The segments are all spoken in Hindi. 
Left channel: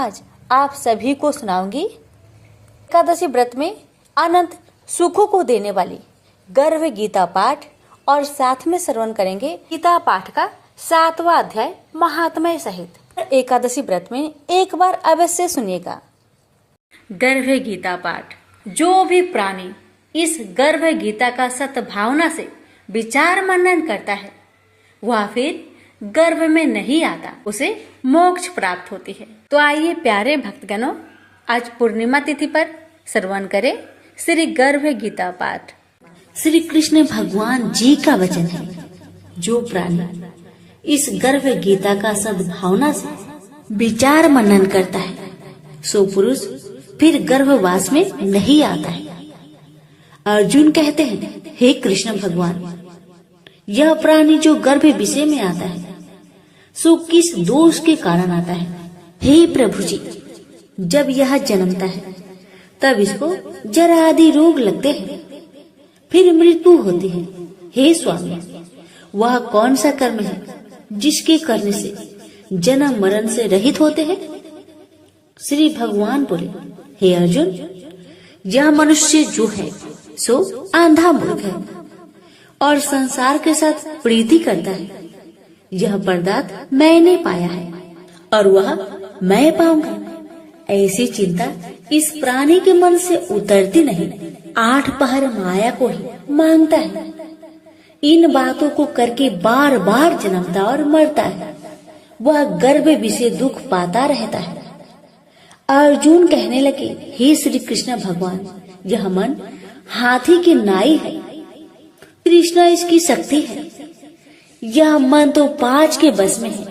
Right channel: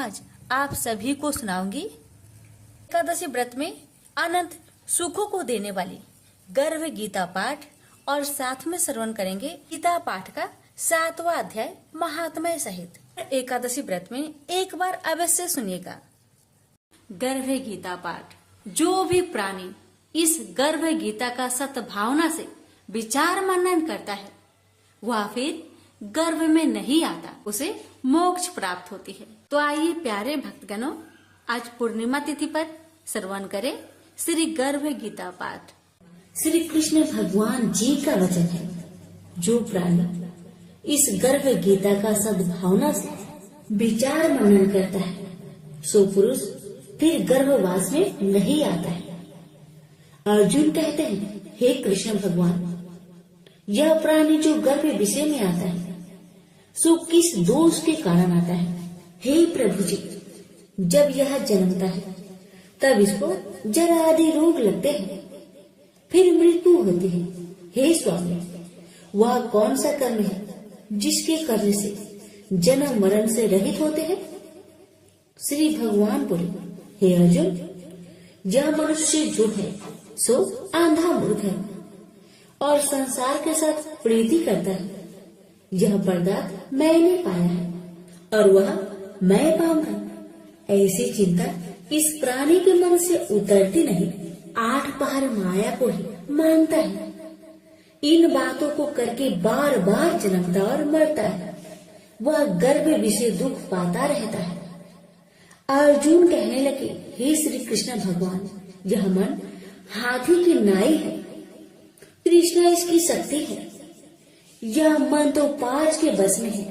आज आप सभी को सुनाऊंगी एकादशी व्रत में अनंत सुखों को देने वाली गर्भ गीता पाठ और साथ में श्रवण करेंगे गीता पाठ का 7वां अध्याय महात्म्य सहित। एकादशी व्रत में एक बार अवश्य सुनिएगा। गर्भ गीता पाठ। जो भी प्राणी इस गर्भ गीता का सद्भावना से विचार मनन करता है वह फिर गर्भ में नहीं आता, उसे मोक्ष प्राप्त होती है। तो आइए प्यारे भक्तगणों, आज पूर्णिमा तिथि पर श्रवण करें श्री गर्भ गीता पाठ। श्री कृष्ण भगवान जी का वचन है, जो प्राणी इस गर्भ गीता का सद्भावना से विचार मनन करता है सो पुरुष फिर गर्भवास में नहीं आता है। अर्जुन कहते हैं, हे कृष्ण भगवान, यह प्राणी जो गर्भ विषय में आता है सो किस दोष के कारण आता है? हे प्रभु जी, जब यह जन्मता है तब इसको जरा आदि रोग लगते हैं, फिर मृत्यु होती है। हे स्वामी, वह कौन सा कर्म है जिसके करने से जन्म मरण से रहित होते हैं? श्री भगवान बोले, हे अर्जुन, यह मनुष्य जो है सो आंधा मूर्ख है और संसार के साथ प्रीति करता है। यह पदार्थ मैंने पाया है और वह मैं पाऊंगा, ऐसी चिंता इस प्राणी के मन से उतरती नहीं। 8 पहर माया को ही मांगता है। इन बातों को करके बार बार जन्मता और मरता है। वह गर्भ विषय दुख पाता रहता है। अर्जुन कहने लगे, हे श्री कृष्ण भगवान, यह मन हाथी की नाई है, कृष्णा इसकी शक्ति है। यह मन तो 5 के बस में है,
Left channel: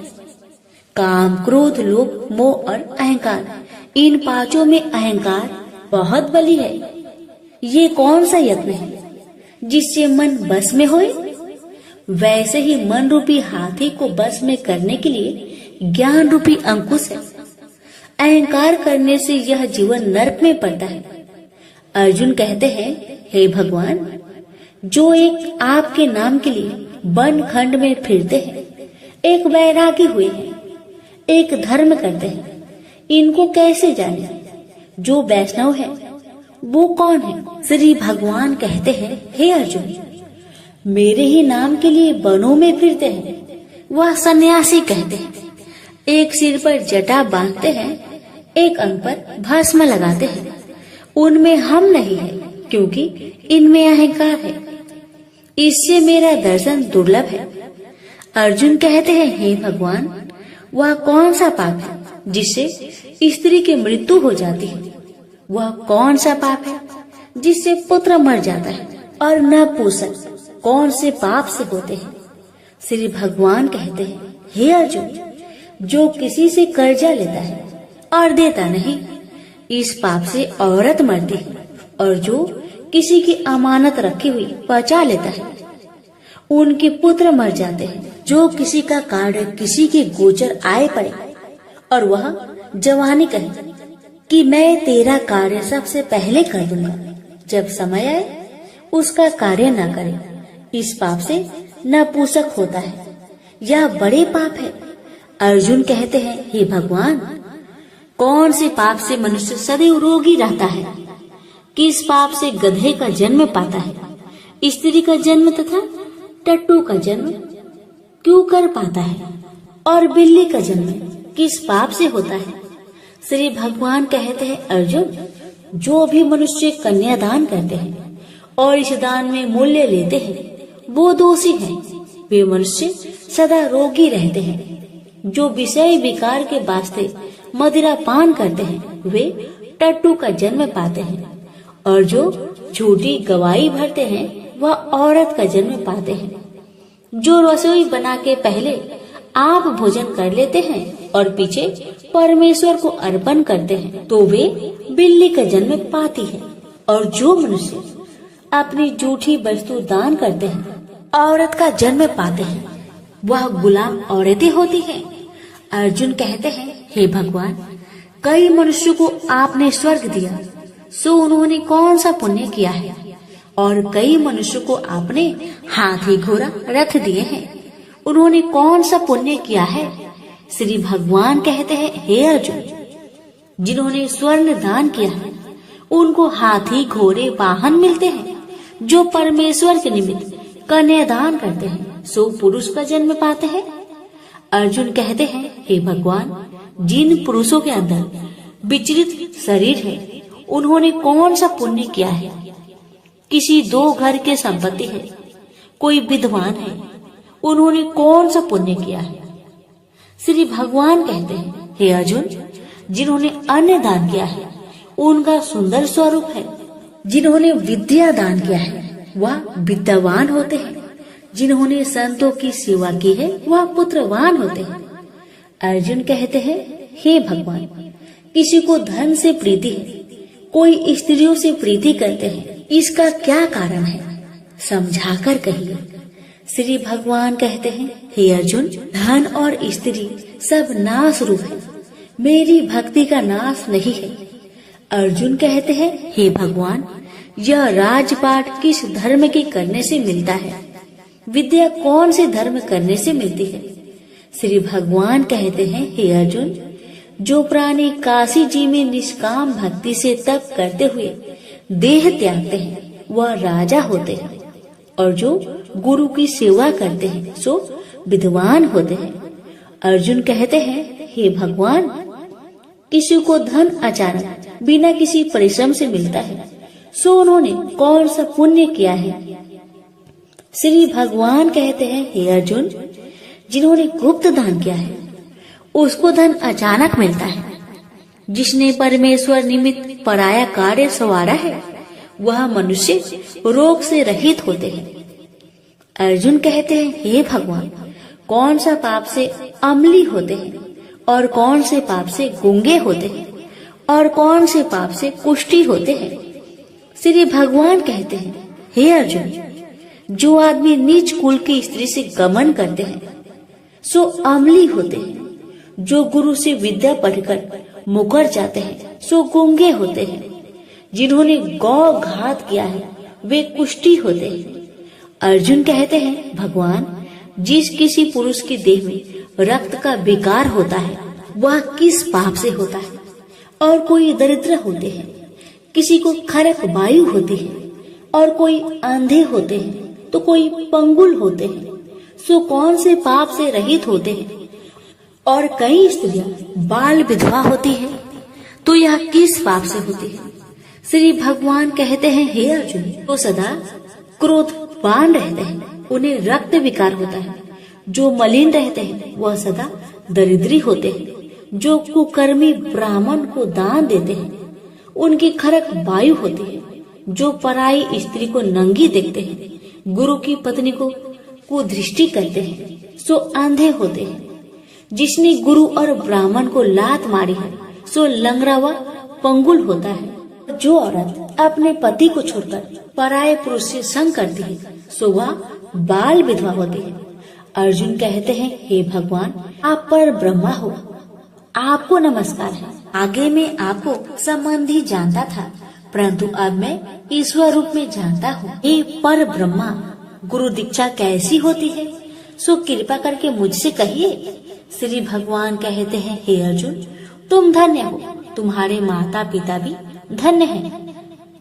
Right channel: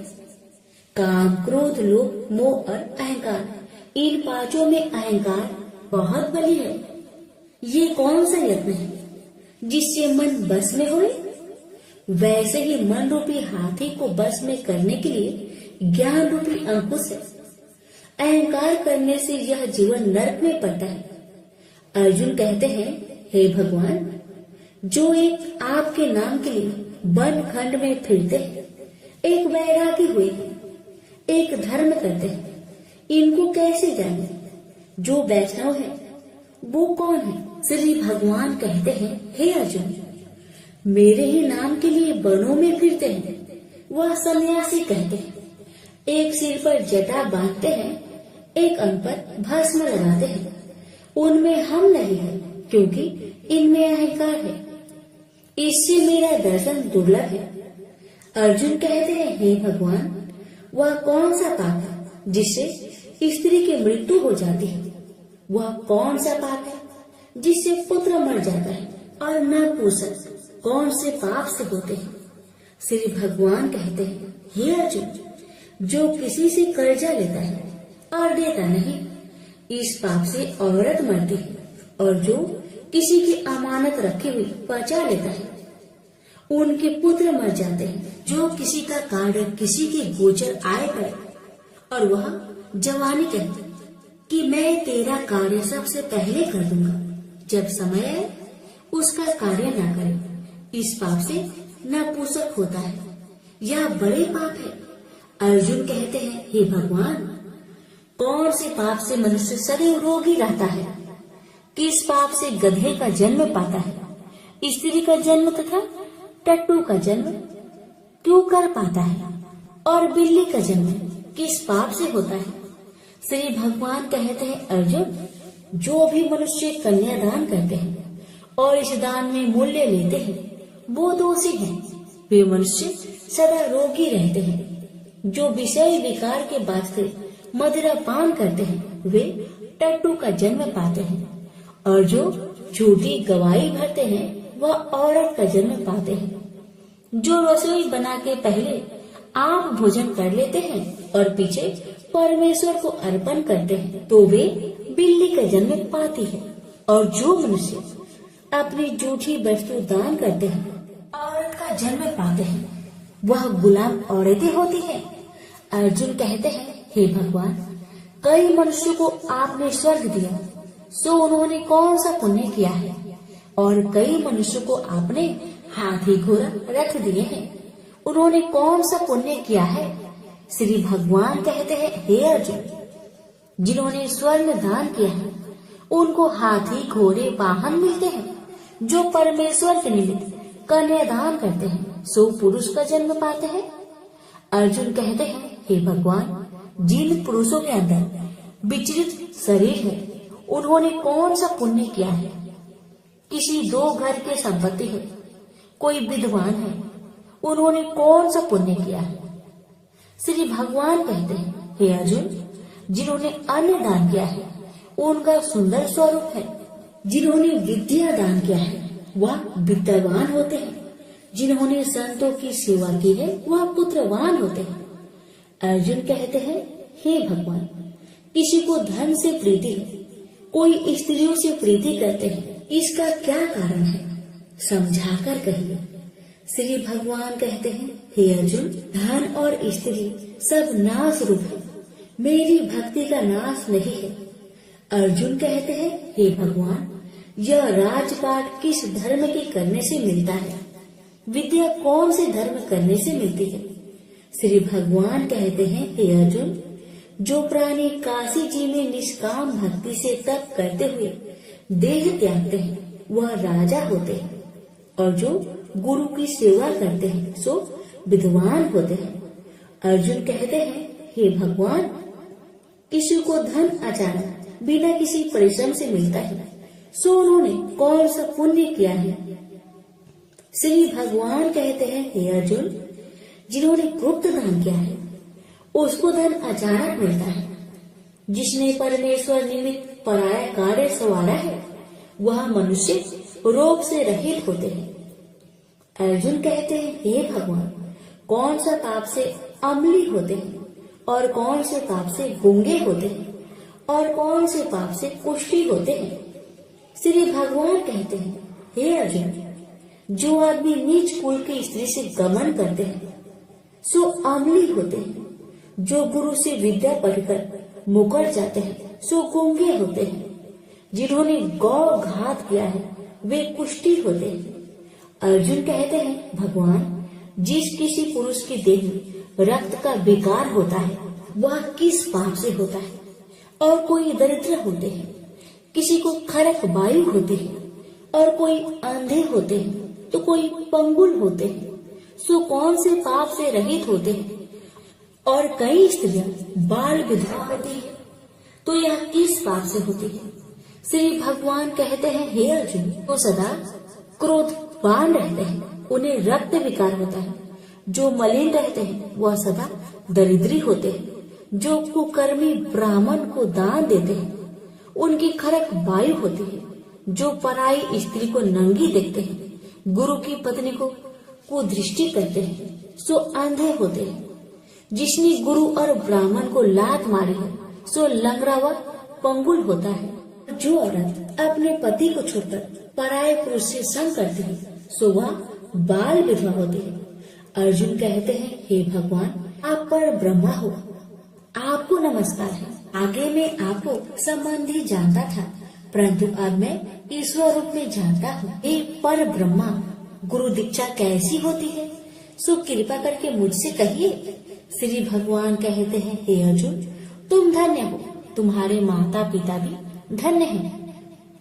काम, क्रोध, लोभ, मोह और अहंकार। इन 5 में अहंकार बहुत बली है। ये कौन सा यत्न है जिससे मन बस में होए? वैसे ही मन रूपी हाथी को बस में करने के लिए ज्ञान रूपी अंकुश है। अहंकार करने से यह जीवन नरक में पड़ता है। अर्जुन कहते हैं, हे भगवान, जो एक आपके नाम के लिए वन खंड में फिरते हैं, एक वैरागी हुए हैं, एक धर्म करते हैं, इनको कैसे जाने? जो वैष्णव है वो कौन है? श्री भगवान कहते हैं, हे अर्जुन, मेरे ही नाम के लिए वनों में फिरते हैं वह सन्यासी कहते हैं। एक सिर पर जटा बांधते हैं, एक अंग पर भस्म लगाते हैं। उनमें हम नहीं है, क्योंकि इनमें अहंकार है। इससे मेरा दर्शन दुर्लभ है। अर्जुन कहते हैं, हे भगवान, वह कौन सा पाप है जिससे स्त्री की मृत्यु हो जाती है? वह कौन सा पाप है जिससे पुत्र मर जाता है? और नपुंसक कौन से पाप से होते हैं? श्री भगवान कहते हैं, हे अर्जुन, जो किसी से कर्जा लेता है और देता नहीं, इस पाप से औरत मरती है। और जो किसी की अमानत रखी हुई बचा लेता है, उनके पुत्र मर जाते हैं। जो किसी का कार्य किसी के गोचर आए पड़े और वह जवानी कहे कि मैं तेरा कार्य सबसे पहले कर दूंगा, जब समय आए उसका कार्य न करे, इस पाप से नपुंसक होता है। यह बड़े पाप है। अर्जुन कहते हैं, हे भगवान, कौन से पाप से मनुष्य सदैव रोगी रहता है? किस पाप से गधे का जन्म पाता है, स्त्री का जन्म तथा टट्टू का जन्म क्यों कर पाता है, और बिल्ली का जन्म किस पाप से होता है? श्री भगवान कहते हैं, अर्जुन, जो भी मनुष्य कन्यादान करते हैं और इस दान में मूल्य लेते हैं वो दोषी हैं। वे मनुष्य सदा रोगी रहते हैं। जो विषय विकार के वास्ते मदिरा पान करते हैं वे टट्टू का जन्म पाते हैं, और जो झूठी गवाही भरते हैं वह औरत का जन्म पाते हैं। जो रसोई बना के पहले आप भोजन कर लेते हैं और पीछे परमेश्वर को अर्पण करते हैं तो वे बिल्ली का जन्म पाती है। और जो मनुष्य अपनी झूठी वस्तु दान करते हैं औरत का जन्म पाते हैं, वह गुलाम औरतें होती हैं। अर्जुन कहते हैं, हे भगवान, कई मनुष्यों को आपने स्वर्ग दिया, सो उन्होंने कौन सा पुण्य किया है? और कई मनुष्यों को आपने हाथी घोड़ा रथ दिए हैं, उन्होंने कौन सा पुण्य किया है? श्री भगवान कहते हैं, हे अर्जुन, जिन्होंने स्वर्ण दान किया है उनको हाथी घोड़े वाहन मिलते हैं। जो परमेश्वर के निमित्त कन्यादान करते हैं सो पुरुष का जन्म पाते हैं। अर्जुन कहते हैं, हे भगवान, जिन पुरुषों के अंदर विचलित शरीर है उन्होंने कौन सा पुण्य किया है? किसी 2 घर के संपत्ति है, कोई विद्वान है, उन्होंने कौन सा पुण्य किया है? श्री भगवान कहते हैं, हे अर्जुन, जिन्होंने अन्न दान किया है उनका सुंदर स्वरूप है। जिन्होंने विद्या दान किया है वह विद्यावान होते हैं। जिन्होंने संतों की सेवा की है वह पुत्रवान होते हैं। अर्जुन कहते हैं, हे भगवान, किसी को धन से प्रीति है, कोई स्त्रियों से प्रीति करते हैं, इसका क्या कारण है? समझाकर कहिए। श्री भगवान कहते हैं, हे अर्जुन, धन और स्त्री सब नाश रूप है, मेरी भक्ति का नाश नहीं है। अर्जुन कहते हैं, हे भगवान, यह राजपाट किस धर्म के करने से मिलता है? विद्या कौन से धर्म करने से मिलती है? श्री भगवान कहते हैं, हे अर्जुन, जो प्राणी काशी जी में निष्काम भक्ति से तप करते हुए देह त्यागते हैं वह राजा होते हैं, और जो गुरु की सेवा करते हैं सो विद्वान होते हैं। अर्जुन कहते हैं, हे भगवान, किसी को धन अचानक बिना किसी परिश्रम से मिलता है सो उन्होंने कौन सा पुण्य किया है? श्री भगवान कहते हैं, हे अर्जुन, जिन्होंने गुप्त दान किया है उसको धन अचानक मिलता है। जिसने परमेश्वर निमित्त पराया कार्य संवारा है वह मनुष्य रोग से रहित होते हैं। अर्जुन कहते हैं, हे भगवान, कौन सा पाप से अम्ली होते हैं और कौन से पाप से गूंगे होते हैं और कौन से पाप से कुष्ठी होते हैं? श्री भगवान कहते हैं, हे अर्जुन, जो आदमी नीच कुल की स्त्री से गमन करते हैं सो अम्ली होते हैं। जो गुरु से विद्या पढ़कर मुकर जाते हैं सो गूंगे होते हैं। जिन्होंने गौ घात किया है वे कुष्ठी होते हैं। अर्जुन कहते हैं, भगवान, जिस किसी पुरुष के देह में रक्त का विकार होता है वह किस पाप से होता है? और कोई दरिद्र होते हैं, किसी को खरक वायु होती है, और कोई अंधे होते हैं तो कोई पंगुल होते हैं, सो कौन से पाप से रहित होते हैं? और कई स्त्रियां बाल विधवा होती है तो यह किस पाप से होती है? श्री भगवान कहते हैं, हे अर्जुन, तो सदा क्रोधवान रहते हैं उन्हें रक्त विकार होता है। जो मलिन रहते हैं वह सदा दरिद्री होते हैं। जो कुकर्मी ब्राह्मण को दान देते हैं उनकी खरक वायु होती है। जो पराई स्त्री को नंगी देखते हैं, गुरु की पत्नी को कुदृष्टि करते हैं सो अंधे होते हैं। जिसने गुरु और ब्राह्मण को लात मारी है सो लंगड़ा व पंगुल होता है। जो औरत अपने पति को छोड़कर पराये पुरुष से संग करती है सो वह बाल विधवा होती है। अर्जुन कहते हैं, हे भगवान, आप पर ब्रह्मा हो, आपको नमस्कार है। आगे मैं आपको संबंधी जानता था, परंतु अब मैं ईश्वर रूप में जानता हूँ। हे पर ब्रह्मा, गुरु दीक्षा कैसी होती है सो कृपा करके मुझसे कहिए। श्री भगवान कहते हैं, हे अर्जुन, तुम धन्य हो, तुम्हारे माता पिता भी धन्य हैं,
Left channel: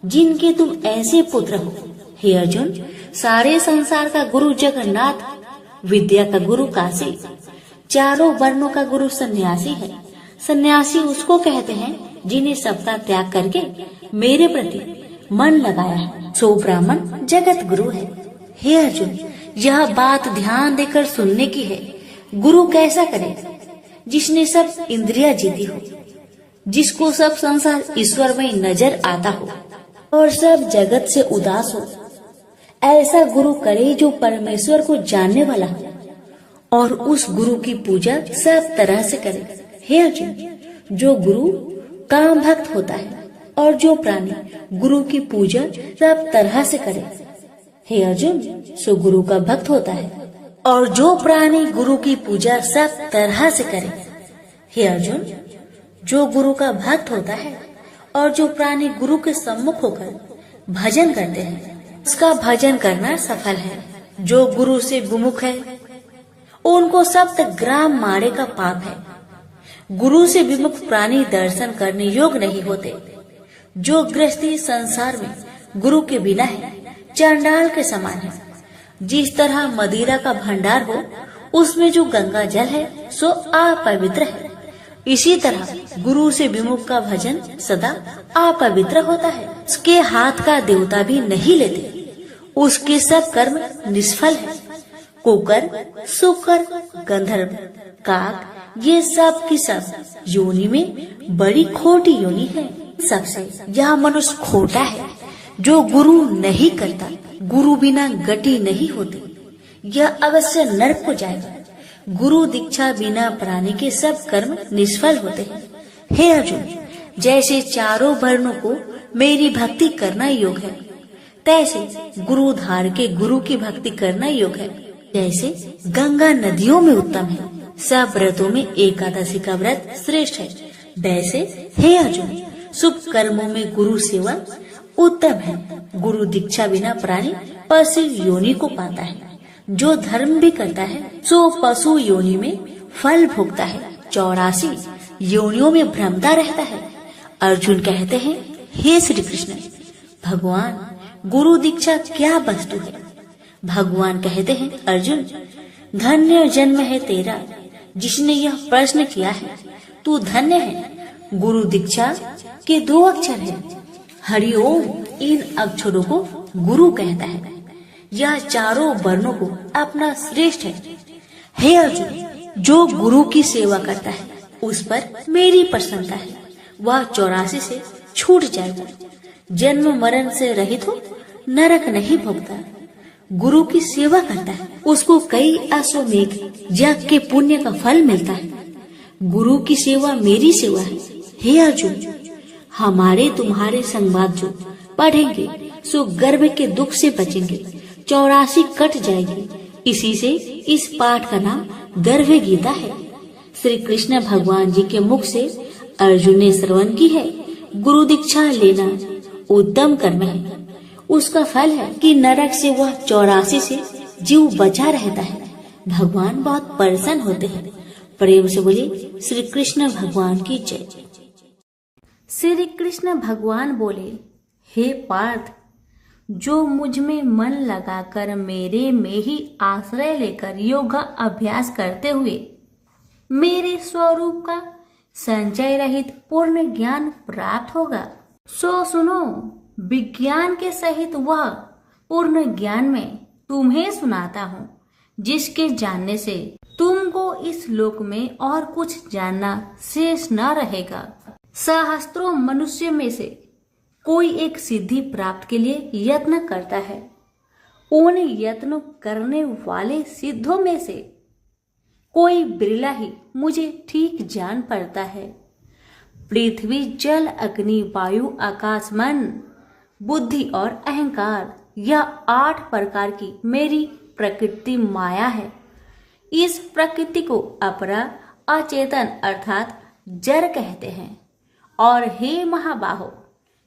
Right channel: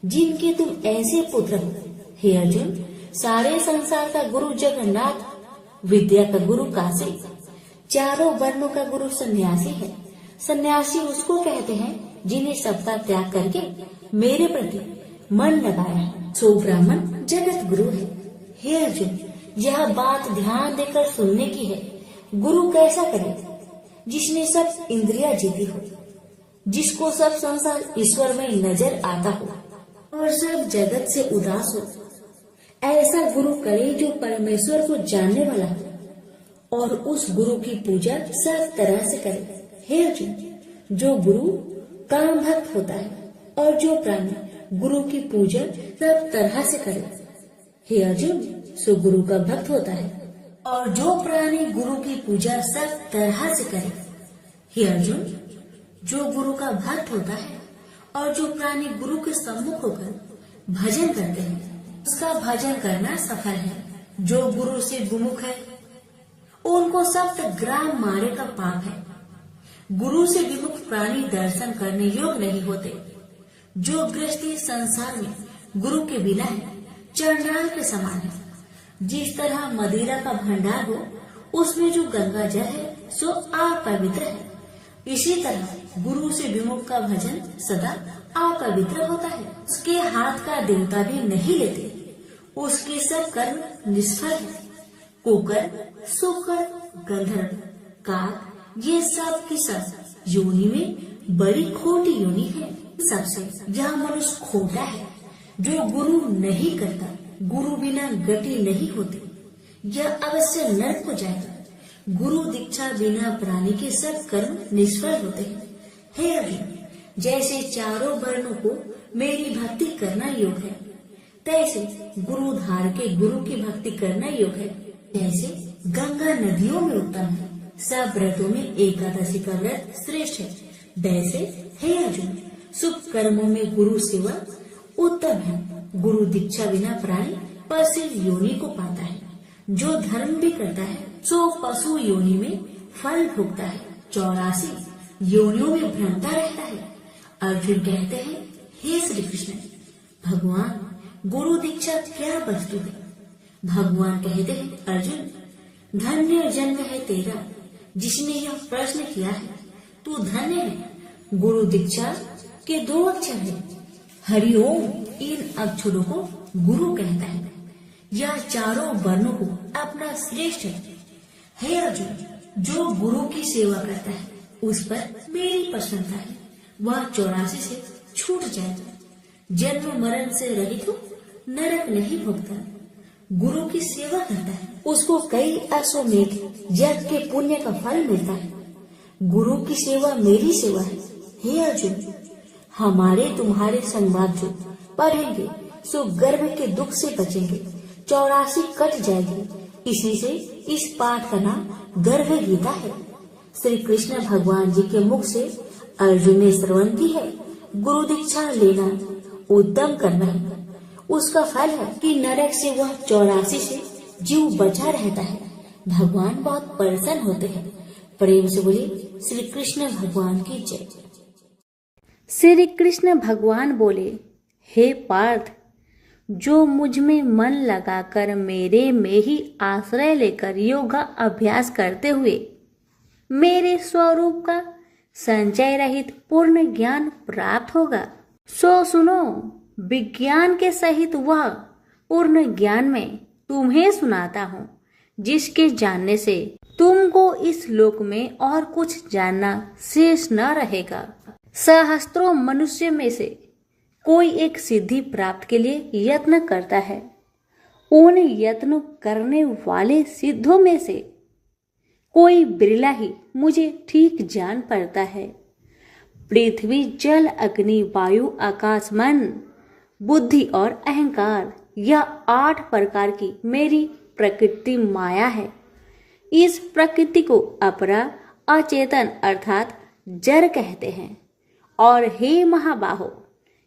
जिनके तुम ऐसे पुत्र हो। हे अर्जुन, सारे संसार का गुरु जगन्नाथ, विद्या का गुरु काशी, चारों वर्णों का गुरु सन्यासी है। सन्यासी उसको कहते हैं जिन्हें सबका त्याग करके मेरे प्रति मन लगाया है, सो ब्राह्मण जगत गुरु है। हे अर्जुन, यह बात ध्यान देकर सुनने की है। गुरु कैसा करे? जिसने सब इंद्रियां जीती हो, जिसको सब संसार ईश्वर में नजर आता हो और सब जगत से उदास हो। ऐसा गुरु करे जो परमेश्वर को जानने वाला हो और उस गुरु की पूजा सब तरह से करे। हे अर्जुन, जो गुरु काम भक्त होता है और जो प्राणी गुरु की पूजा सब तरह से करे, हे अर्जुन, सो गुरु का भक्त होता है। और जो प्राणी गुरु की पूजा सब तरह से करे, हे अर्जुन, जो गुरु का भक्त होता है और जो प्राणी गुरु के सम्मुख होकर भजन करते हैं उसका भजन करना सफल है। जो गुरु से विमुख है उनको सप्त ग्राम मारे का पाप है। गुरु से विमुख प्राणी दर्शन करने योग्य नहीं होते। जो गृहस्थी संसार में गुरु के बिना है, चांडाल के समान है। जिस तरह मदिरा का भंडार हो, उसमें जो गंगा जल है सो अपवित्र है, इसी तरह गुरु से विमुख का भजन सदा अपवित्र होता है। उसके हाथ का देवता भी नहीं लेते, उसके सब कर्म निष्फल है। कुकर, सुकर, गंधर्व, काक, ये सब की सब योनि में बड़ी खोटी योनि है। सबसे यह मनुष्य खोटा है जो गुरु नहीं करता। गुरु बिना गति नहीं होती, यह अवश्य नरक को जाएगा। गुरु दीक्षा बिना प्राणी के सब कर्म निष्फल होते हैं। हे अर्जुन, जैसे चारों वर्णों को मेरी भक्ति करना योग है, तैसे गुरु धार के गुरु की भक्ति करना योग है। जैसे गंगा नदियों में उत्तम है, सब व्रतों में एकादशी का व्रत श्रेष्ठ है, वैसे हे अर्जुन, शुभ कर्मों में गुरु सेवा उत्तम है। गुरु दीक्षा बिना प्राणी पशु योनि को पाता है। जो धर्म भी करता है सो पशु योनि में फल भोगता है, 84 योनियों में भ्रमता रहता है। अर्जुन कहते हैं, हे श्री कृष्ण, भगवान गुरु दीक्षा क्या वस्तु है? भगवान कहते हैं, अर्जुन धन्य जन्म है तेरा जिसने यह प्रश्न किया है। तू धन्य है। गुरु दीक्षा के 2 अक्षर हैं, हरिओम। इन अक्षरों को गुरु कहता है। यह चारों वर्णों को अपना श्रेष्ठ है। हे अर्जुन, जो गुरु की सेवा करता है उस पर मेरी प्रसन्नता है। वह 84 से छूट जाएगा, जन्म मरण से रहित हो, नरक नहीं भोगता। गुरु की सेवा करता है, उसको कई अश्वमेघ यज्ञ के पुण्य का फल मिलता है। गुरु की सेवा मेरी सेवा है। हे अर्जुन, हमारे तुम्हारे संवाद जो पढ़ेंगे सो गर्भ के दुख से बचेंगे, 84 कट जाएगी। इसी से इस पाठ का नाम गर्भ गीता है। श्री कृष्ण भगवान जी के मुख से अर्जुन ने श्रवण की है। गुरु दीक्षा लेना उत्तम कर्म है। उसका फल है कि नरक से वह 84 से जीव बचा रहता है। भगवान बहुत प्रसन्न होते हैं। प्रेम से बोले श्री कृष्ण भगवान की जय। श्री कृष्ण भगवान बोले, हे पार्थ, जो मुझ में मन लगाकर मेरे में ही आश्रय लेकर योगा अभ्यास करते हुए मेरे स्वरूप का संचय रहित पूर्ण ज्ञान प्राप्त होगा, सो सुनो, विज्ञान के सहित वह पूर्ण ज्ञान में तुम्हें सुनाता हूँ, जिसके जानने से तुमको इस लोक में और कुछ जानना शेष न रहेगा। सहस्त्रों मनुष्य में से कोई एक सिद्धि प्राप्त के लिए यत्न करता है। उन यत्न करने वाले सिद्धों में से कोई बिरला ही मुझे ठीक जान पड़ता है। पृथ्वी, जल, अग्नि, वायु, आकाश, मन, बुद्धि और अहंकार, यह 8 प्रकार की मेरी प्रकृति माया है। इस प्रकृति को अपरा, अचेतन अर्थात जड़ कहते हैं। और हे महाबाहो,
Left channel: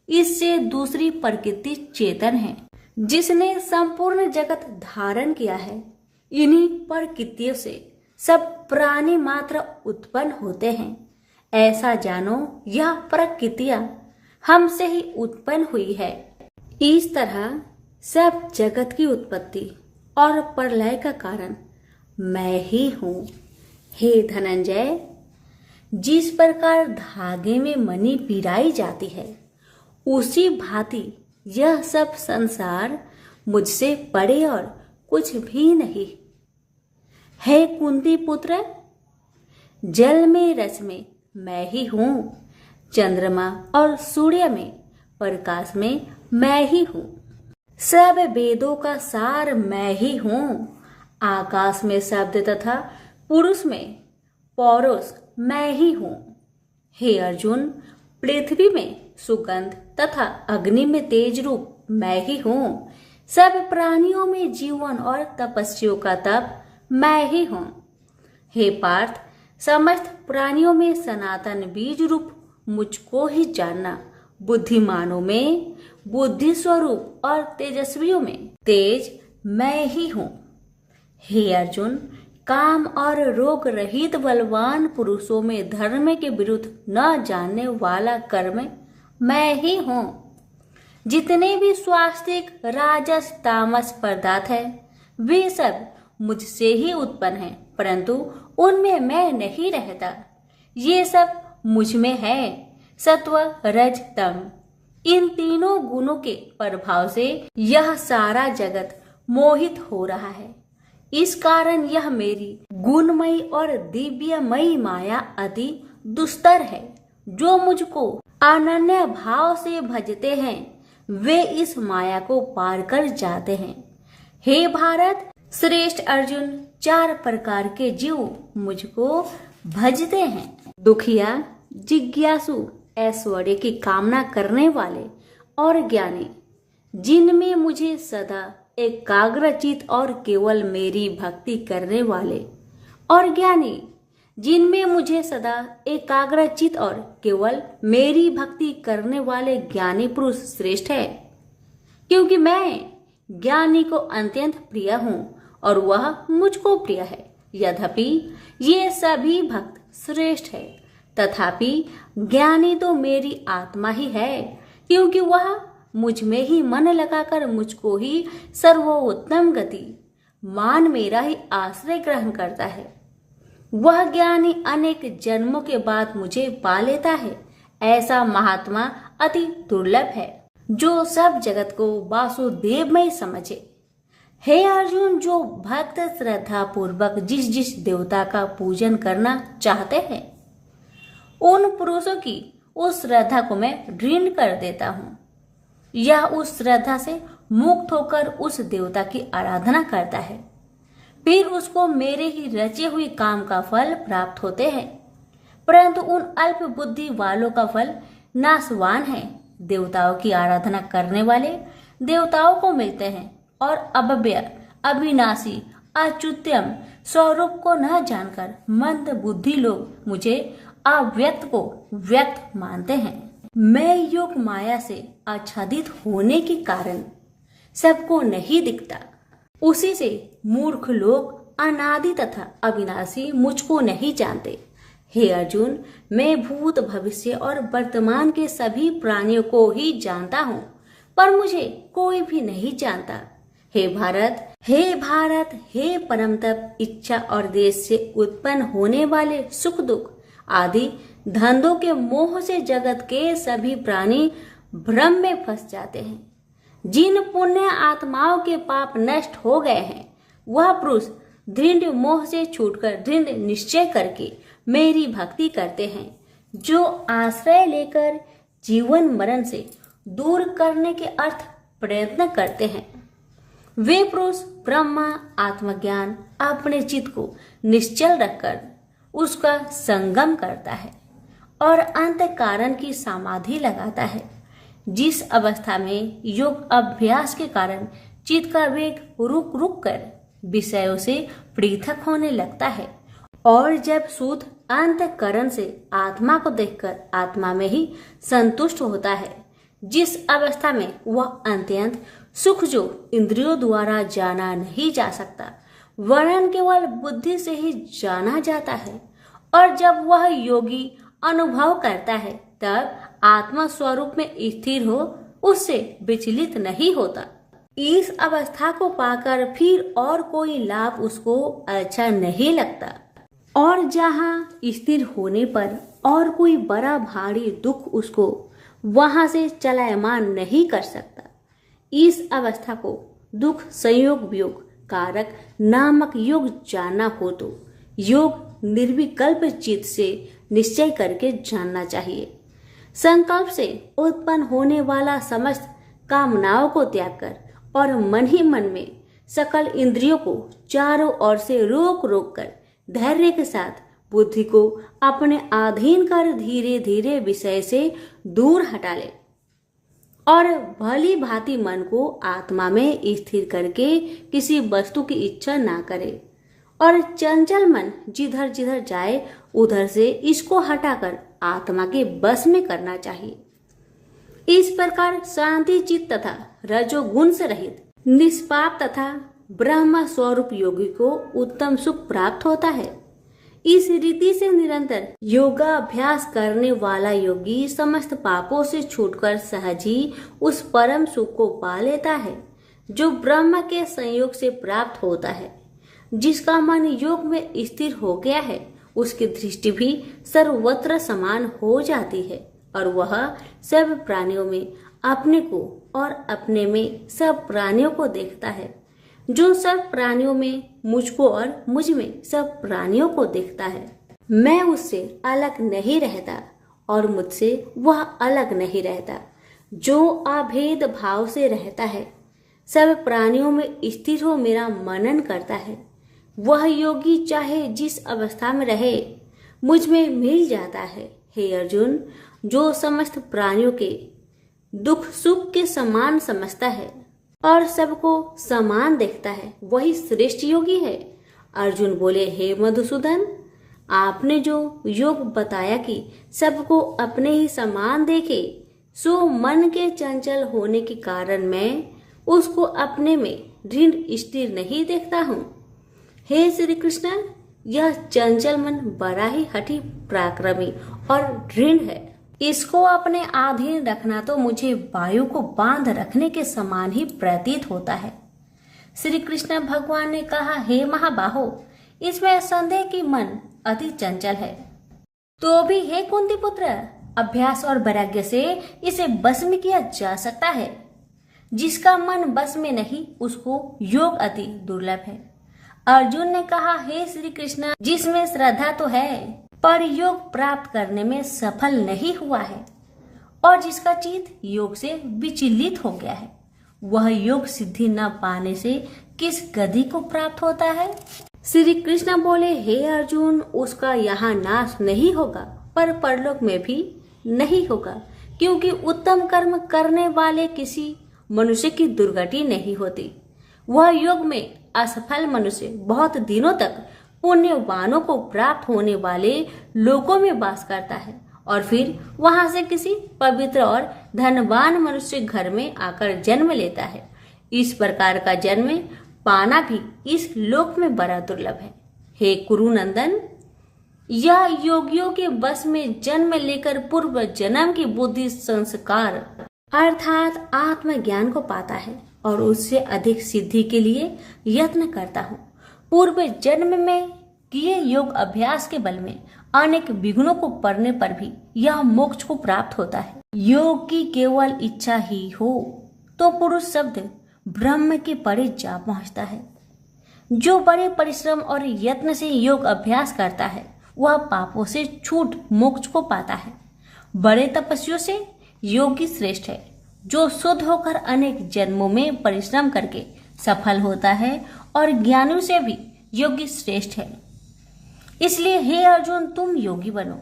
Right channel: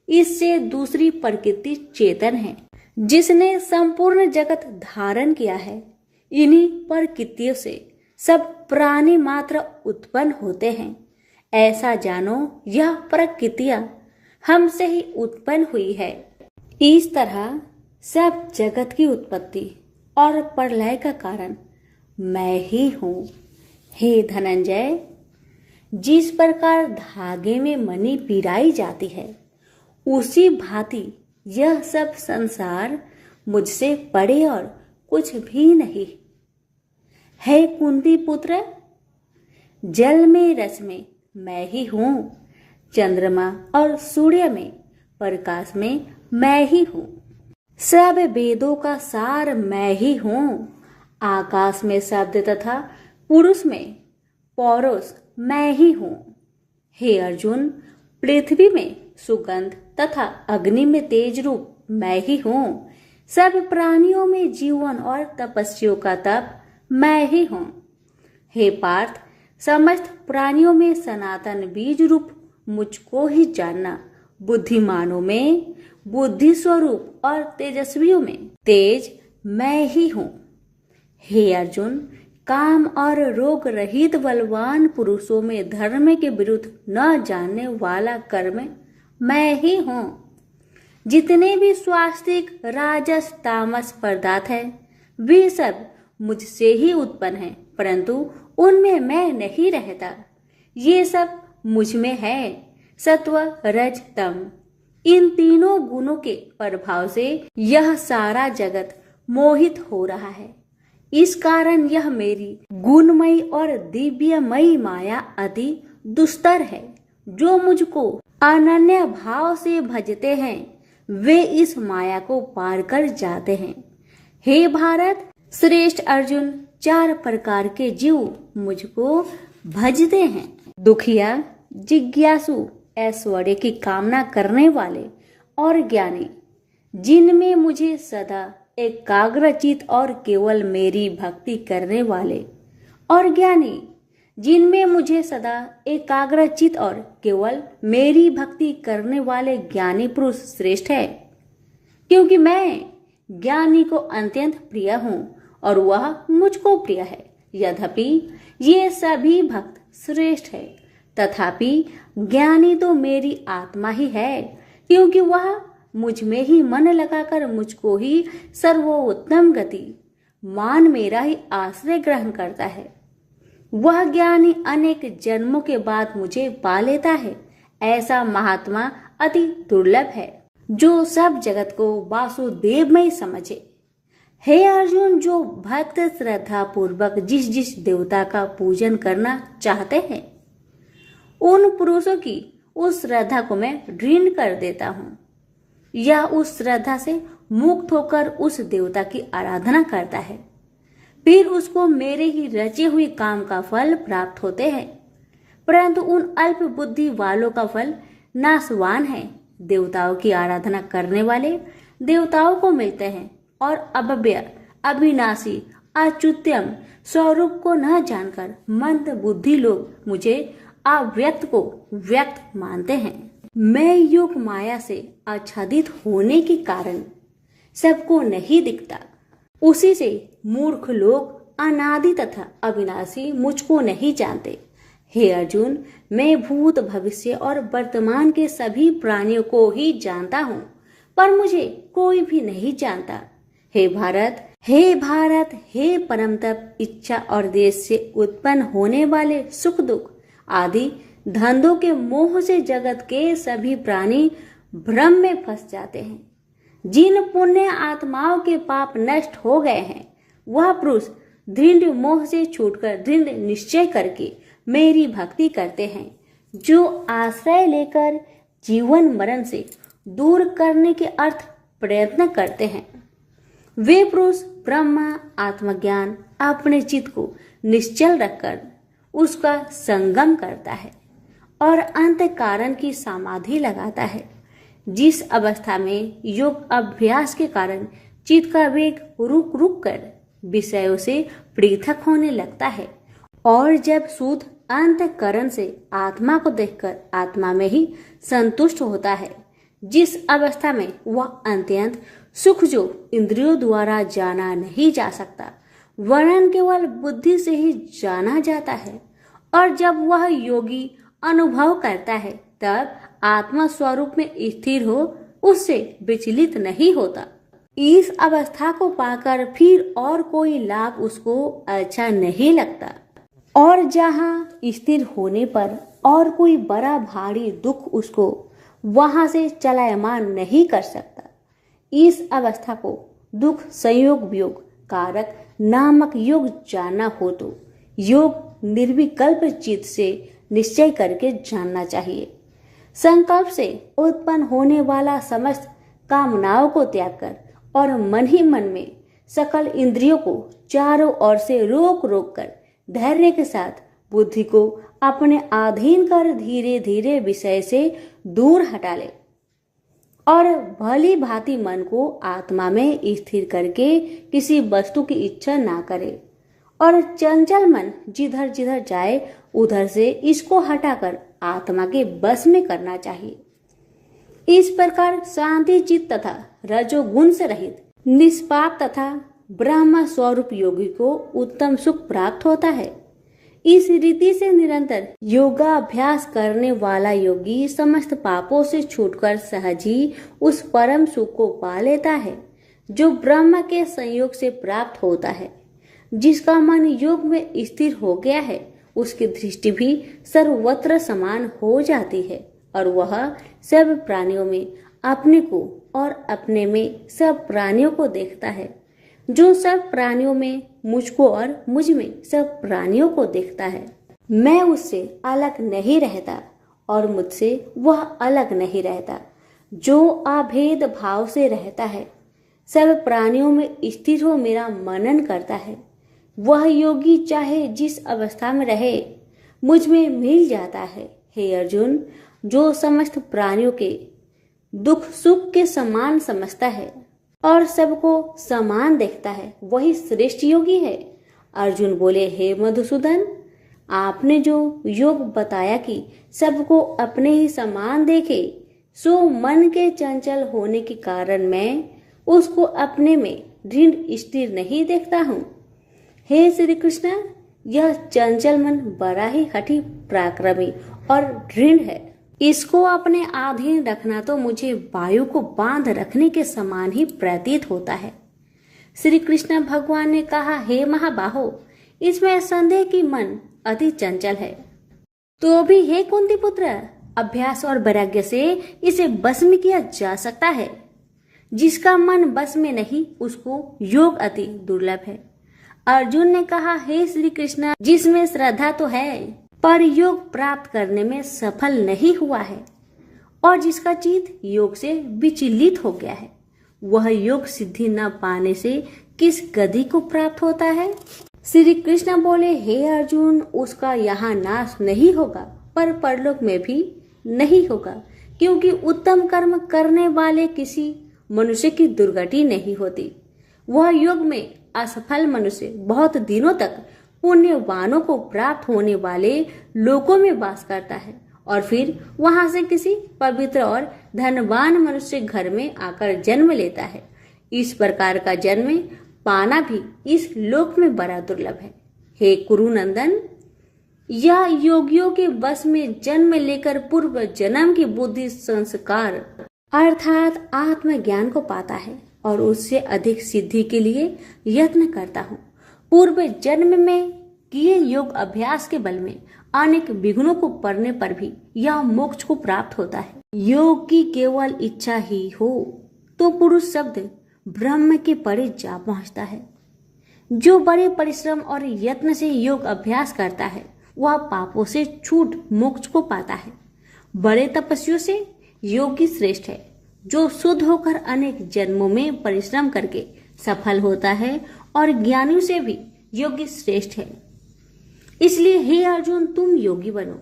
इससे दूसरी प्रकृति चेतन है, जिसने संपूर्ण जगत धारण किया है। इन्हीं प्रकृतियों से सब प्राणी मात्र उत्पन्न होते हैं। ऐसा जानो, यह प्रकृतियां हमसे ही उत्पन्न हुई है। इस तरह सब जगत की उत्पत्ति और प्रलय का कारण मैं ही हूँ। हे धनंजय, जिस प्रकार धागे में मणि पिराई जाती है, उसी भांति यह सब संसार मुझसे परे और कुछ भी नहीं। हे कुंती पुत्र, जल में रस में मैं ही हूँ, चंद्रमा और सूर्य में प्रकाश में मैं ही हूँ, सब वेदों का सार मैं ही हूँ, आकाश में शब्द तथा पुरुष में पौरुष मैं ही हूँ। हे अर्जुन, पृथ्वी में सुगंध तथा अग्नि में तेज रूप मैं ही हूँ, सब प्राणियों में जीवन और तपस्वियों का तप मैं ही हूँ। हे पार्थ, समस्त प्राणियों में सनातन बीज रूप मुझको ही जानना, बुद्धिमानों में बुद्धि स्वरूप और तेजस्वियों में तेज मैं ही हूँ। हे अर्जुन, काम और रोग रहित बलवान पुरुषों में धर्म के विरुद्ध न जानने वाला कर्म मैं ही हूँ। जितने भी स्वास्तिक राजस तामस पदार्थ है वे सब मुझसे ही उत्पन्न हैं, परंतु उनमें मैं नहीं रहता। ये सब मुझ में है। सत्व रज तम इन तीनों गुणों के प्रभाव से यह सारा जगत मोहित हो रहा है। इस कारण यह मेरी गुणमयी और दिव्यमयी माया अति दुस्तर है। जो मुझको अनन्य भाव से भजते हैं वे इस माया को पार कर जाते हैं। हे भारत श्रेष्ठ अर्जुन, 4 प्रकार के जीव मुझको भजते हैं। दुखिया, जिज्ञासु, ऐश्वर्य की कामना करने वाले और ज्ञानी, जिनमें मुझे सदा एकाग्रचित और केवल मेरी भक्ति करने वाले, और ज्ञानी जिनमें मुझे सदा एकाग्रचित और केवल मेरी भक्ति करने वाले ज्ञानी पुरुष श्रेष्ठ है, क्योंकि मैं ज्ञानी को अत्यंत प्रिय हूँ और वह मुझको प्रिय है। यद्यपि ये सभी भक्त श्रेष्ठ है, तथापि ज्ञानी तो मेरी आत्मा ही है, क्योंकि वह मुझ में ही मन लगाकर मुझको ही सर्वोत्तम गति मान मेरा ही आश्रय ग्रहण करता है। वह ज्ञानी अनेक जन्मों के बाद मुझे पा लेता है। ऐसा महात्मा अति दुर्लभ है जो सब जगत को वासुदेवमय समझे। हे अर्जुन, जो भक्त श्रद्धा पूर्वक जिस जिस देवता का पूजन करना चाहते हैं उन पुरुषों की उस श्रद्धा को मैं ऋण कर देता हूँ। यह उस श्रद्धा से मुक्त होकर उस देवता की आराधना करता है, फिर उसको मेरे ही रचे हुए काम का फल प्राप्त होते हैं। परंतु उन अल्प बुद्धि वालों का फल नाशवान है। देवताओं की आराधना करने वाले देवताओं को मिलते हैं और अव्यय, अविनाशी, अच्युतम स्वरूप को न जानकर मंद बुद्धि लोग मुझे अव्यक्त को व्यक्त मानते हैं। मैं योग माया से आच्छादित होने के कारण सबको नहीं दिखता। उसी से मूर्ख लोग अनादि तथा अविनाशी मुझको नहीं जानते। हे अर्जुन, मैं भूत भविष्य और वर्तमान के सभी प्राणियों को ही जानता हूँ, पर मुझे कोई भी नहीं जानता। हे भारत, हे परम तप, इच्छा और देश से उत्पन्न होने वाले सुख दुख आदि धंधों के मोह से जगत के सभी प्राणी भ्रम में फंस जाते हैं। जिन पुण्य आत्माओं के पाप नष्ट हो गए हैं वह पुरुष दृढ़ मोह से छूटकर दृढ़ निश्चय करके मेरी भक्ति करते हैं, जो आश्रय लेकर जीवन मरण से दूर करने के अर्थ प्रयत्न करते हैं। वे पुरुष ब्रह्मा आत्मज्ञान अपने चित्त को निश्चल रखकर उसका संगम करता है और अंत कारण की समाधि लगाता है। जिस अवस्था में योग अभ्यास के कारण चित्त का वेग रुक रुक कर विषयों से पृथक होने लगता है और जब शुद्ध अंतःकरण से आत्मा को देखकर आत्मा में ही संतुष्ट होता है, जिस अवस्था में वह अत्यंत सुख जो इंद्रियों द्वारा जाना नहीं जा सकता वरन केवल बुद्धि से ही जाना जाता है, और जब वह योगी अनुभव करता है तब आत्मा स्वरूप में स्थिर हो उससे विचलित नहीं होता। इस अवस्था को पाकर फिर और कोई लाभ उसको अच्छा नहीं लगता, और जहाँ स्थिर होने पर और कोई बड़ा भारी दुख उसको वहां से चलायमान नहीं कर सकता। इस अवस्था को दुख संयोग वियोग कारक नामक योग जानना हो तो योग निर्विकल्प चित्त से निश्चय करके जानना चाहिए। संकल्प से उत्पन्न होने वाला समस्त कामनाओं को त्याग कर और मन ही मन में सकल इंद्रियों को चारों ओर से रोक रोक कर धैर्य के साथ बुद्धि को अपने अधीन कर धीरे धीरे विषय से दूर हटा ले और भली भांति मन को आत्मा में स्थिर करके किसी वस्तु की इच्छा ना करे, और चंचल मन जिधर जिधर जाए उधर से इसको हटाकर आत्मा के बस में करना चाहिए। इस प्रकार शांति चित्त तथा रजोगुण से रहित निष्पाप तथा ब्रह्म स्वरूप योगी को उत्तम सुख प्राप्त होता है। इस रीति से निरंतर योगाभ्यास करने वाला योगी समस्त पापों से छूटकर सहज ही उस परम सुख को पा लेता है जो ब्रह्म के संयोग से प्राप्त होता है। जिसका मन योग में स्थिर हो गया है उसकी दृष्टि भी सर्वत्र समान हो जाती है और वह सब प्राणियों में अपने को और अपने में सब प्राणियों को देखता है। जो सब प्राणियों में मुझको और मुझ में सब प्राणियों को देखता है। मैं उससे अलग नहीं रहता और मुझसे वह अलग नहीं रहता। जो अभेद भाव से रहता है, सब प्राणियों में स्थिर हो मेरा मनन करता है, वह योगी चाहे जिस अवस्था में रहे मुझ में मिल जाता है। हे अर्जुन, जो समस्त प्राणियों के दुख सुख के समान समझता है और सबको समान देखता है वही श्रेष्ठ योगी है। अर्जुन बोले, हे मधुसूदन, आपने जो योग बताया कि सबको अपने ही समान देखे, सो मन के चंचल होने के कारण मैं उसको अपने में दृढ़ स्थिर नहीं देखता हूँ। हे श्री कृष्ण, यह चंचल मन बड़ा ही हठी पराक्रमी और दृढ़ है। इसको अपने अधीन रखना तो मुझे वायु को बांध रखने के समान ही प्रतीत होता है। श्री कृष्ण भगवान ने कहा, हे महाबाहो, इसमें संदेह कि मन अति चंचल है, तो भी हे कुंती पुत्र, अभ्यास और वैराग्य से इसे बस में किया जा सकता है। जिसका मन बस में नहीं उसको योग अति दुर्लभ है। अर्जुन ने कहा, हे श्री कृष्ण, जिसमें श्रद्धा तो है पर योग प्राप्त करने में सफल नहीं हुआ है और जिसका चित्त योग से विचलित हो गया है, वह योग सिद्धि न पाने से किस गति को प्राप्त होता है? श्री कृष्ण बोले, हे अर्जुन, उसका यहाँ नाश नहीं होगा पर परलोक में भी नहीं होगा, क्योंकि उत्तम कर्म करने वाले किसी मनुष्य की दुर्गति नहीं होती। वह योग में असफल मनुष्य बहुत दिनों तक पुण्यवानों को प्राप्त होने वाले लोकों में वास करता है और फिर वहां से किसी पवित्र और धनवान मनुष्य घर में आकर जन्म लेता है। इस प्रकार का जन्म पाना भी इस लोक में बड़ा दुर्लभ है। हे कुरुनंदन, यह योगियों के बस में जन्म लेकर पूर्व जन्म की बुद्धि संस्कार अर्थात आत्मज्ञान को पाता है और उससे अधिक सिद्धि के लिए यत्न करता हूँ। पूर्व जन्म में किए योग अभ्यास के बल में अनेक विघ्नों को पड़ने पर भी यह मोक्ष को प्राप्त होता है। योग की केवल इच्छा ही हो तो पुरुष शब्द ब्रह्म के परे जा पहुंचता है। जो बड़े परिश्रम और यत्न से योग अभ्यास करता है वह पापों से छूट मोक्ष को पाता है। बड़े तपस्वियों से योगी श्रेष्ठ है। जो शुद्ध होकर अनेक जन्मों में परिश्रम करके सफल होता है और ज्ञानियों से भी योगी श्रेष्ठ है। इसलिए हे अर्जुन, तुम योगी बनो।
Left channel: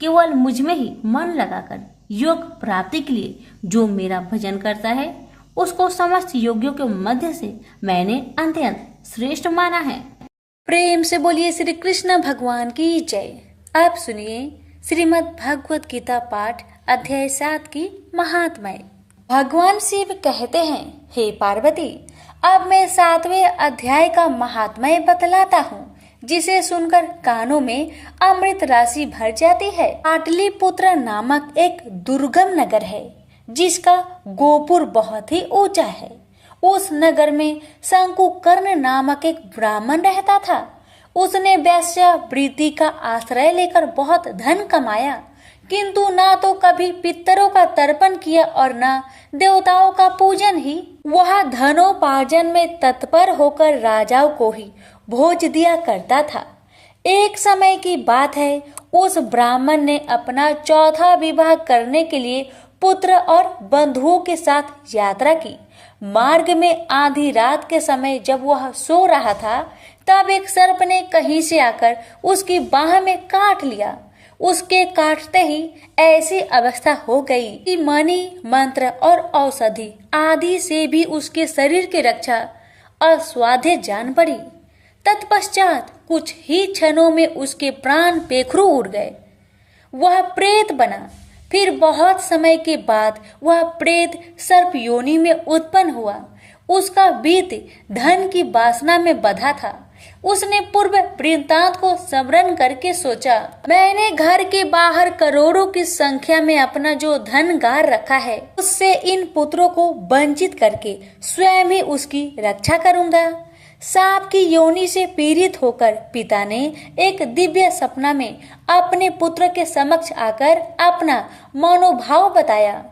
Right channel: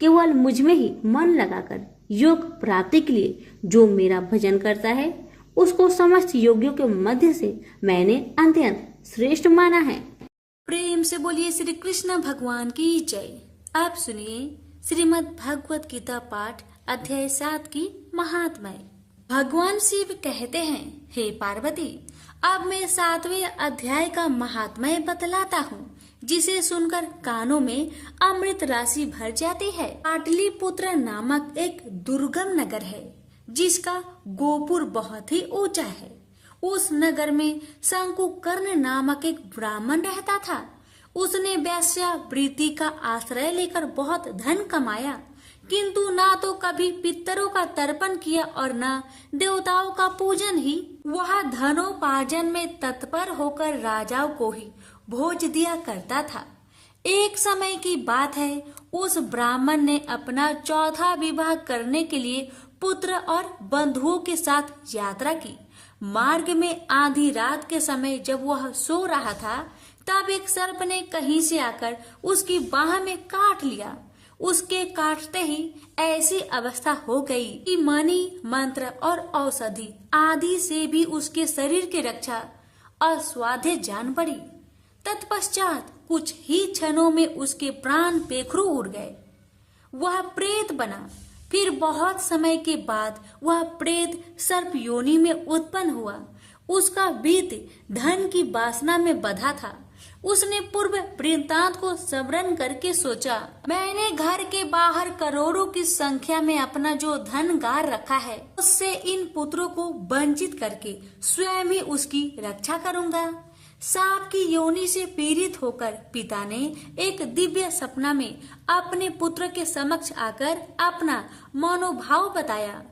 केवल मुझ में ही मन लगाकर योग प्राप्ति के लिए जो मेरा भजन करता है उसको समस्त योगियों के मध्य से मैंने अत्यंत श्रेष्ठ माना है। प्रेम से बोलिए श्री कृष्ण भगवान की जय। आप सुनिए श्रीमद् भगवत गीता पाठ अध्याय 7 की महात्म्य। भगवान शिव कहते हैं, हे पार्वती, अब मैं 7वें अध्याय का महात्म्य बतलाता हूँ, जिसे सुनकर कानों में अमृत राशि भर जाती है। पाटलिपुत्र नामक एक दुर्गम नगर है जिसका गोपुर बहुत ही ऊंचा है। उस नगर में शंकुकर्ण नामक एक ब्राह्मण रहता था। उसने वैश्यावृत्ति का आश्रय लेकर बहुत धन कमाया, किंतु ना तो कभी पितरों का तर्पण किया और न देवताओं का पूजन ही। वह धनोपार्जन में तत्पर होकर राजाओं को ही भोज दिया करता था। एक समय की बात है, उस ब्राह्मण ने अपना चौथा विवाह करने के लिए पुत्र और बंधुओं के साथ यात्रा की। मार्ग में आधी रात के समय जब वह सो रहा था, तब एक सर्प ने कहीं से आकर उसकी बाह में काट लिया। उसके काटते ही ऐसी अवस्था हो गई कि मणि, मंत्र और औषधि आदि से भी उसके शरीर की रक्षा असाध्य जान पड़ी। तत्पश्चात कुछ ही क्षणों में उसके प्राण पेखरू उड़ गए। वह प्रेत बना। फिर बहुत समय के बाद वह प्रेत सर्प योनि में उत्पन्न हुआ। उसका बीत धन की वासना में बंधा था। उसने पूर्व वृत्तांत को स्मरण करके सोचा, मैंने घर के बाहर करोड़ों की संख्या में अपना जो धन गार रखा है, उससे इन पुत्रों को वंचित करके स्वयं ही उसकी रक्षा करूंगा। सांप की योनि से पीड़ित होकर पिता ने एक दिव्य सपना में अपने पुत्र के समक्ष आकर अपना मनोभाव बताया।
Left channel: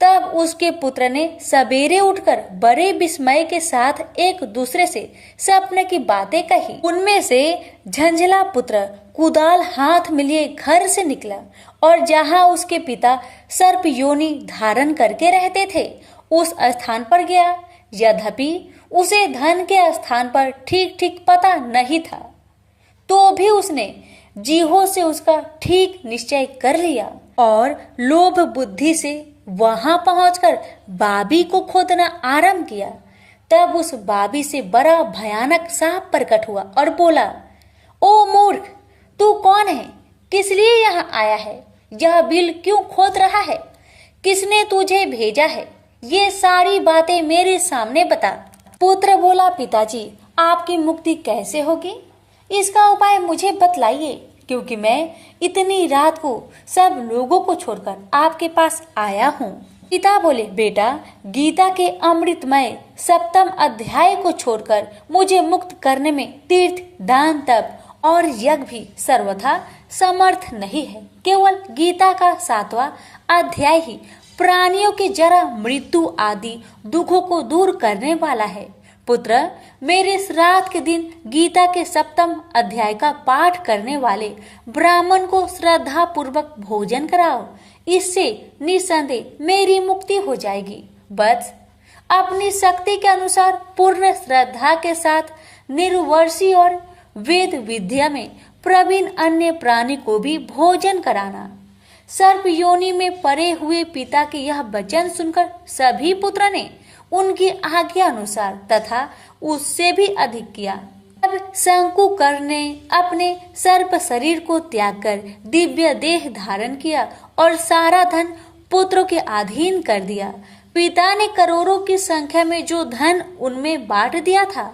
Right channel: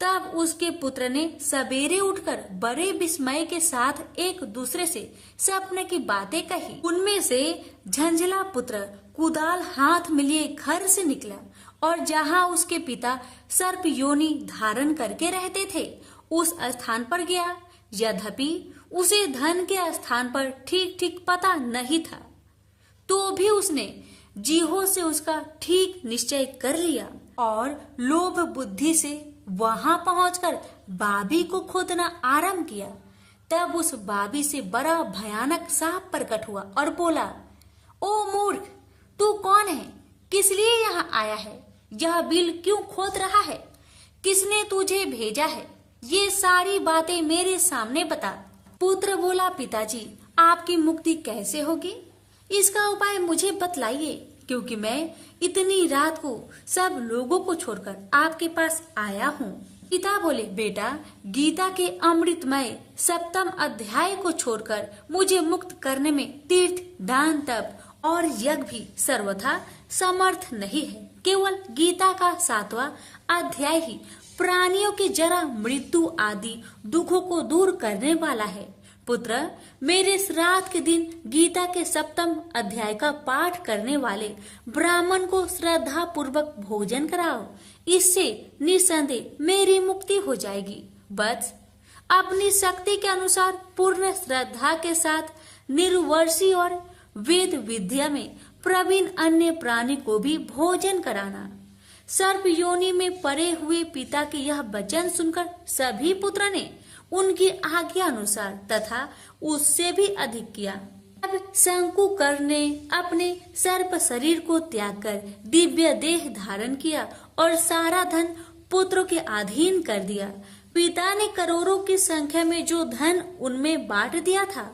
तब उसके पुत्र ने सवेरे उठकर बड़े विस्मय के साथ एक दूसरे से सपने की बातें कही। उनमें से झंझला पुत्र कुदाल हाथ में लिए घर से निकला और जहां उसके पिता सर्प योनि धारण करके रहते थे, उस स्थान पर गया। यद्यपि उसे धन के स्थान पर ठीक ठीक पता नहीं था, तो भी उसने जीहो से उसका ठीक निश्चय कर लिया और लोभ बुद्धि से वहां पहुंचकर बाबी को खोदना आरंभ किया। तब उस बाबी से बड़ा भयानक सांप प्रकट हुआ और बोला, ओ मूर्ख, तू कौन है? किस लिए यहाँ आया है? यह बिल क्यों खोद रहा है? किसने तुझे भेजा है? ये सारी बातें मेरे सामने बता। पुत्र बोला, पिताजी, आपकी मुक्ति कैसे होगी? इसका उपाय मुझे बतलाइए, क्योंकि मैं इतनी रात को सब लोगों को छोड़कर आपके पास आया हूँ। पिता बोले, बेटा, गीता के अमृतमय 7वें अध्याय को छोड़कर मुझे मुक्त करने में तीर्थ, दान, तप और यज्ञ भी सर्वथा समर्थ नहीं है। केवल गीता का 7वां अध्याय ही प्राणियों के जरा मृत्यु आदि दुखों को दूर करने वाला है। पुत्र, मेरे श्राद्ध के दिन गीता के 7वें अध्याय का पाठ करने वाले ब्राह्मण को श्रद्धा पूर्वक भोजन कराओ। इससे निसंदेह मेरी मुक्ति हो जाएगी। बस अपनी शक्ति के अनुसार पूर्ण श्रद्धा के साथ निर्वर्षी और वेद विद्या में प्रवीण अन्य प्राणी को भी भोजन कराना। सर्प योनि में पड़े हुए पिता के यह वचन सुनकर सभी पुत्र ने उनकी आज्ञा अनुसार तथा उससे भी अधिक किया। अब शंकुकर ने अपने सर्प शरीर को त्याग कर दिव्य देह धारण किया और सारा धन पुत्रों के अधीन कर दिया। पिता ने करोड़ों की संख्या में जो धन उनमें बांट दिया था,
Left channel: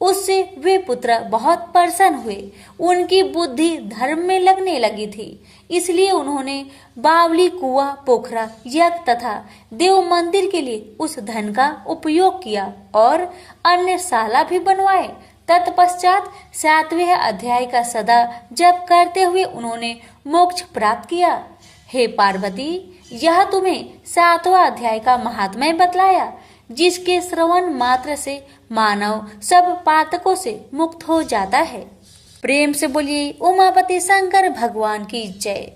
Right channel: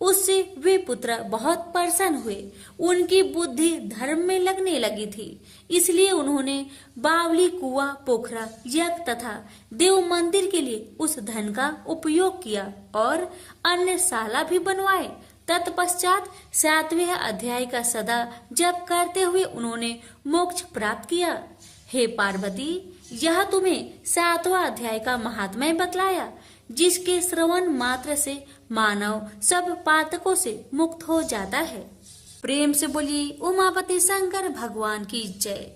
उससे वे पुत्र बहुत प्रसन्न हुए। उनकी बुद्धि धर्म में लगने लगी थी, इसलिए उन्होंने बावली, कुआं, पोखरा, यज्ञ तथा देव मंदिर के लिए उस धन का उपयोग किया और अन्य शाला भी बनवाए। तत्पश्चात 7वें अध्याय का सदा जप करते हुए उन्होंने मोक्ष प्राप्त किया। हे पार्वती, यह तुम्हें 7वां अध्याय का महात्म्य बतलाया, जिसके श्रवण मात्र से मानव सब पातकों से मुक्त हो जाता है। प्रेम से बोलिए उमापति शंकर भगवान की जय।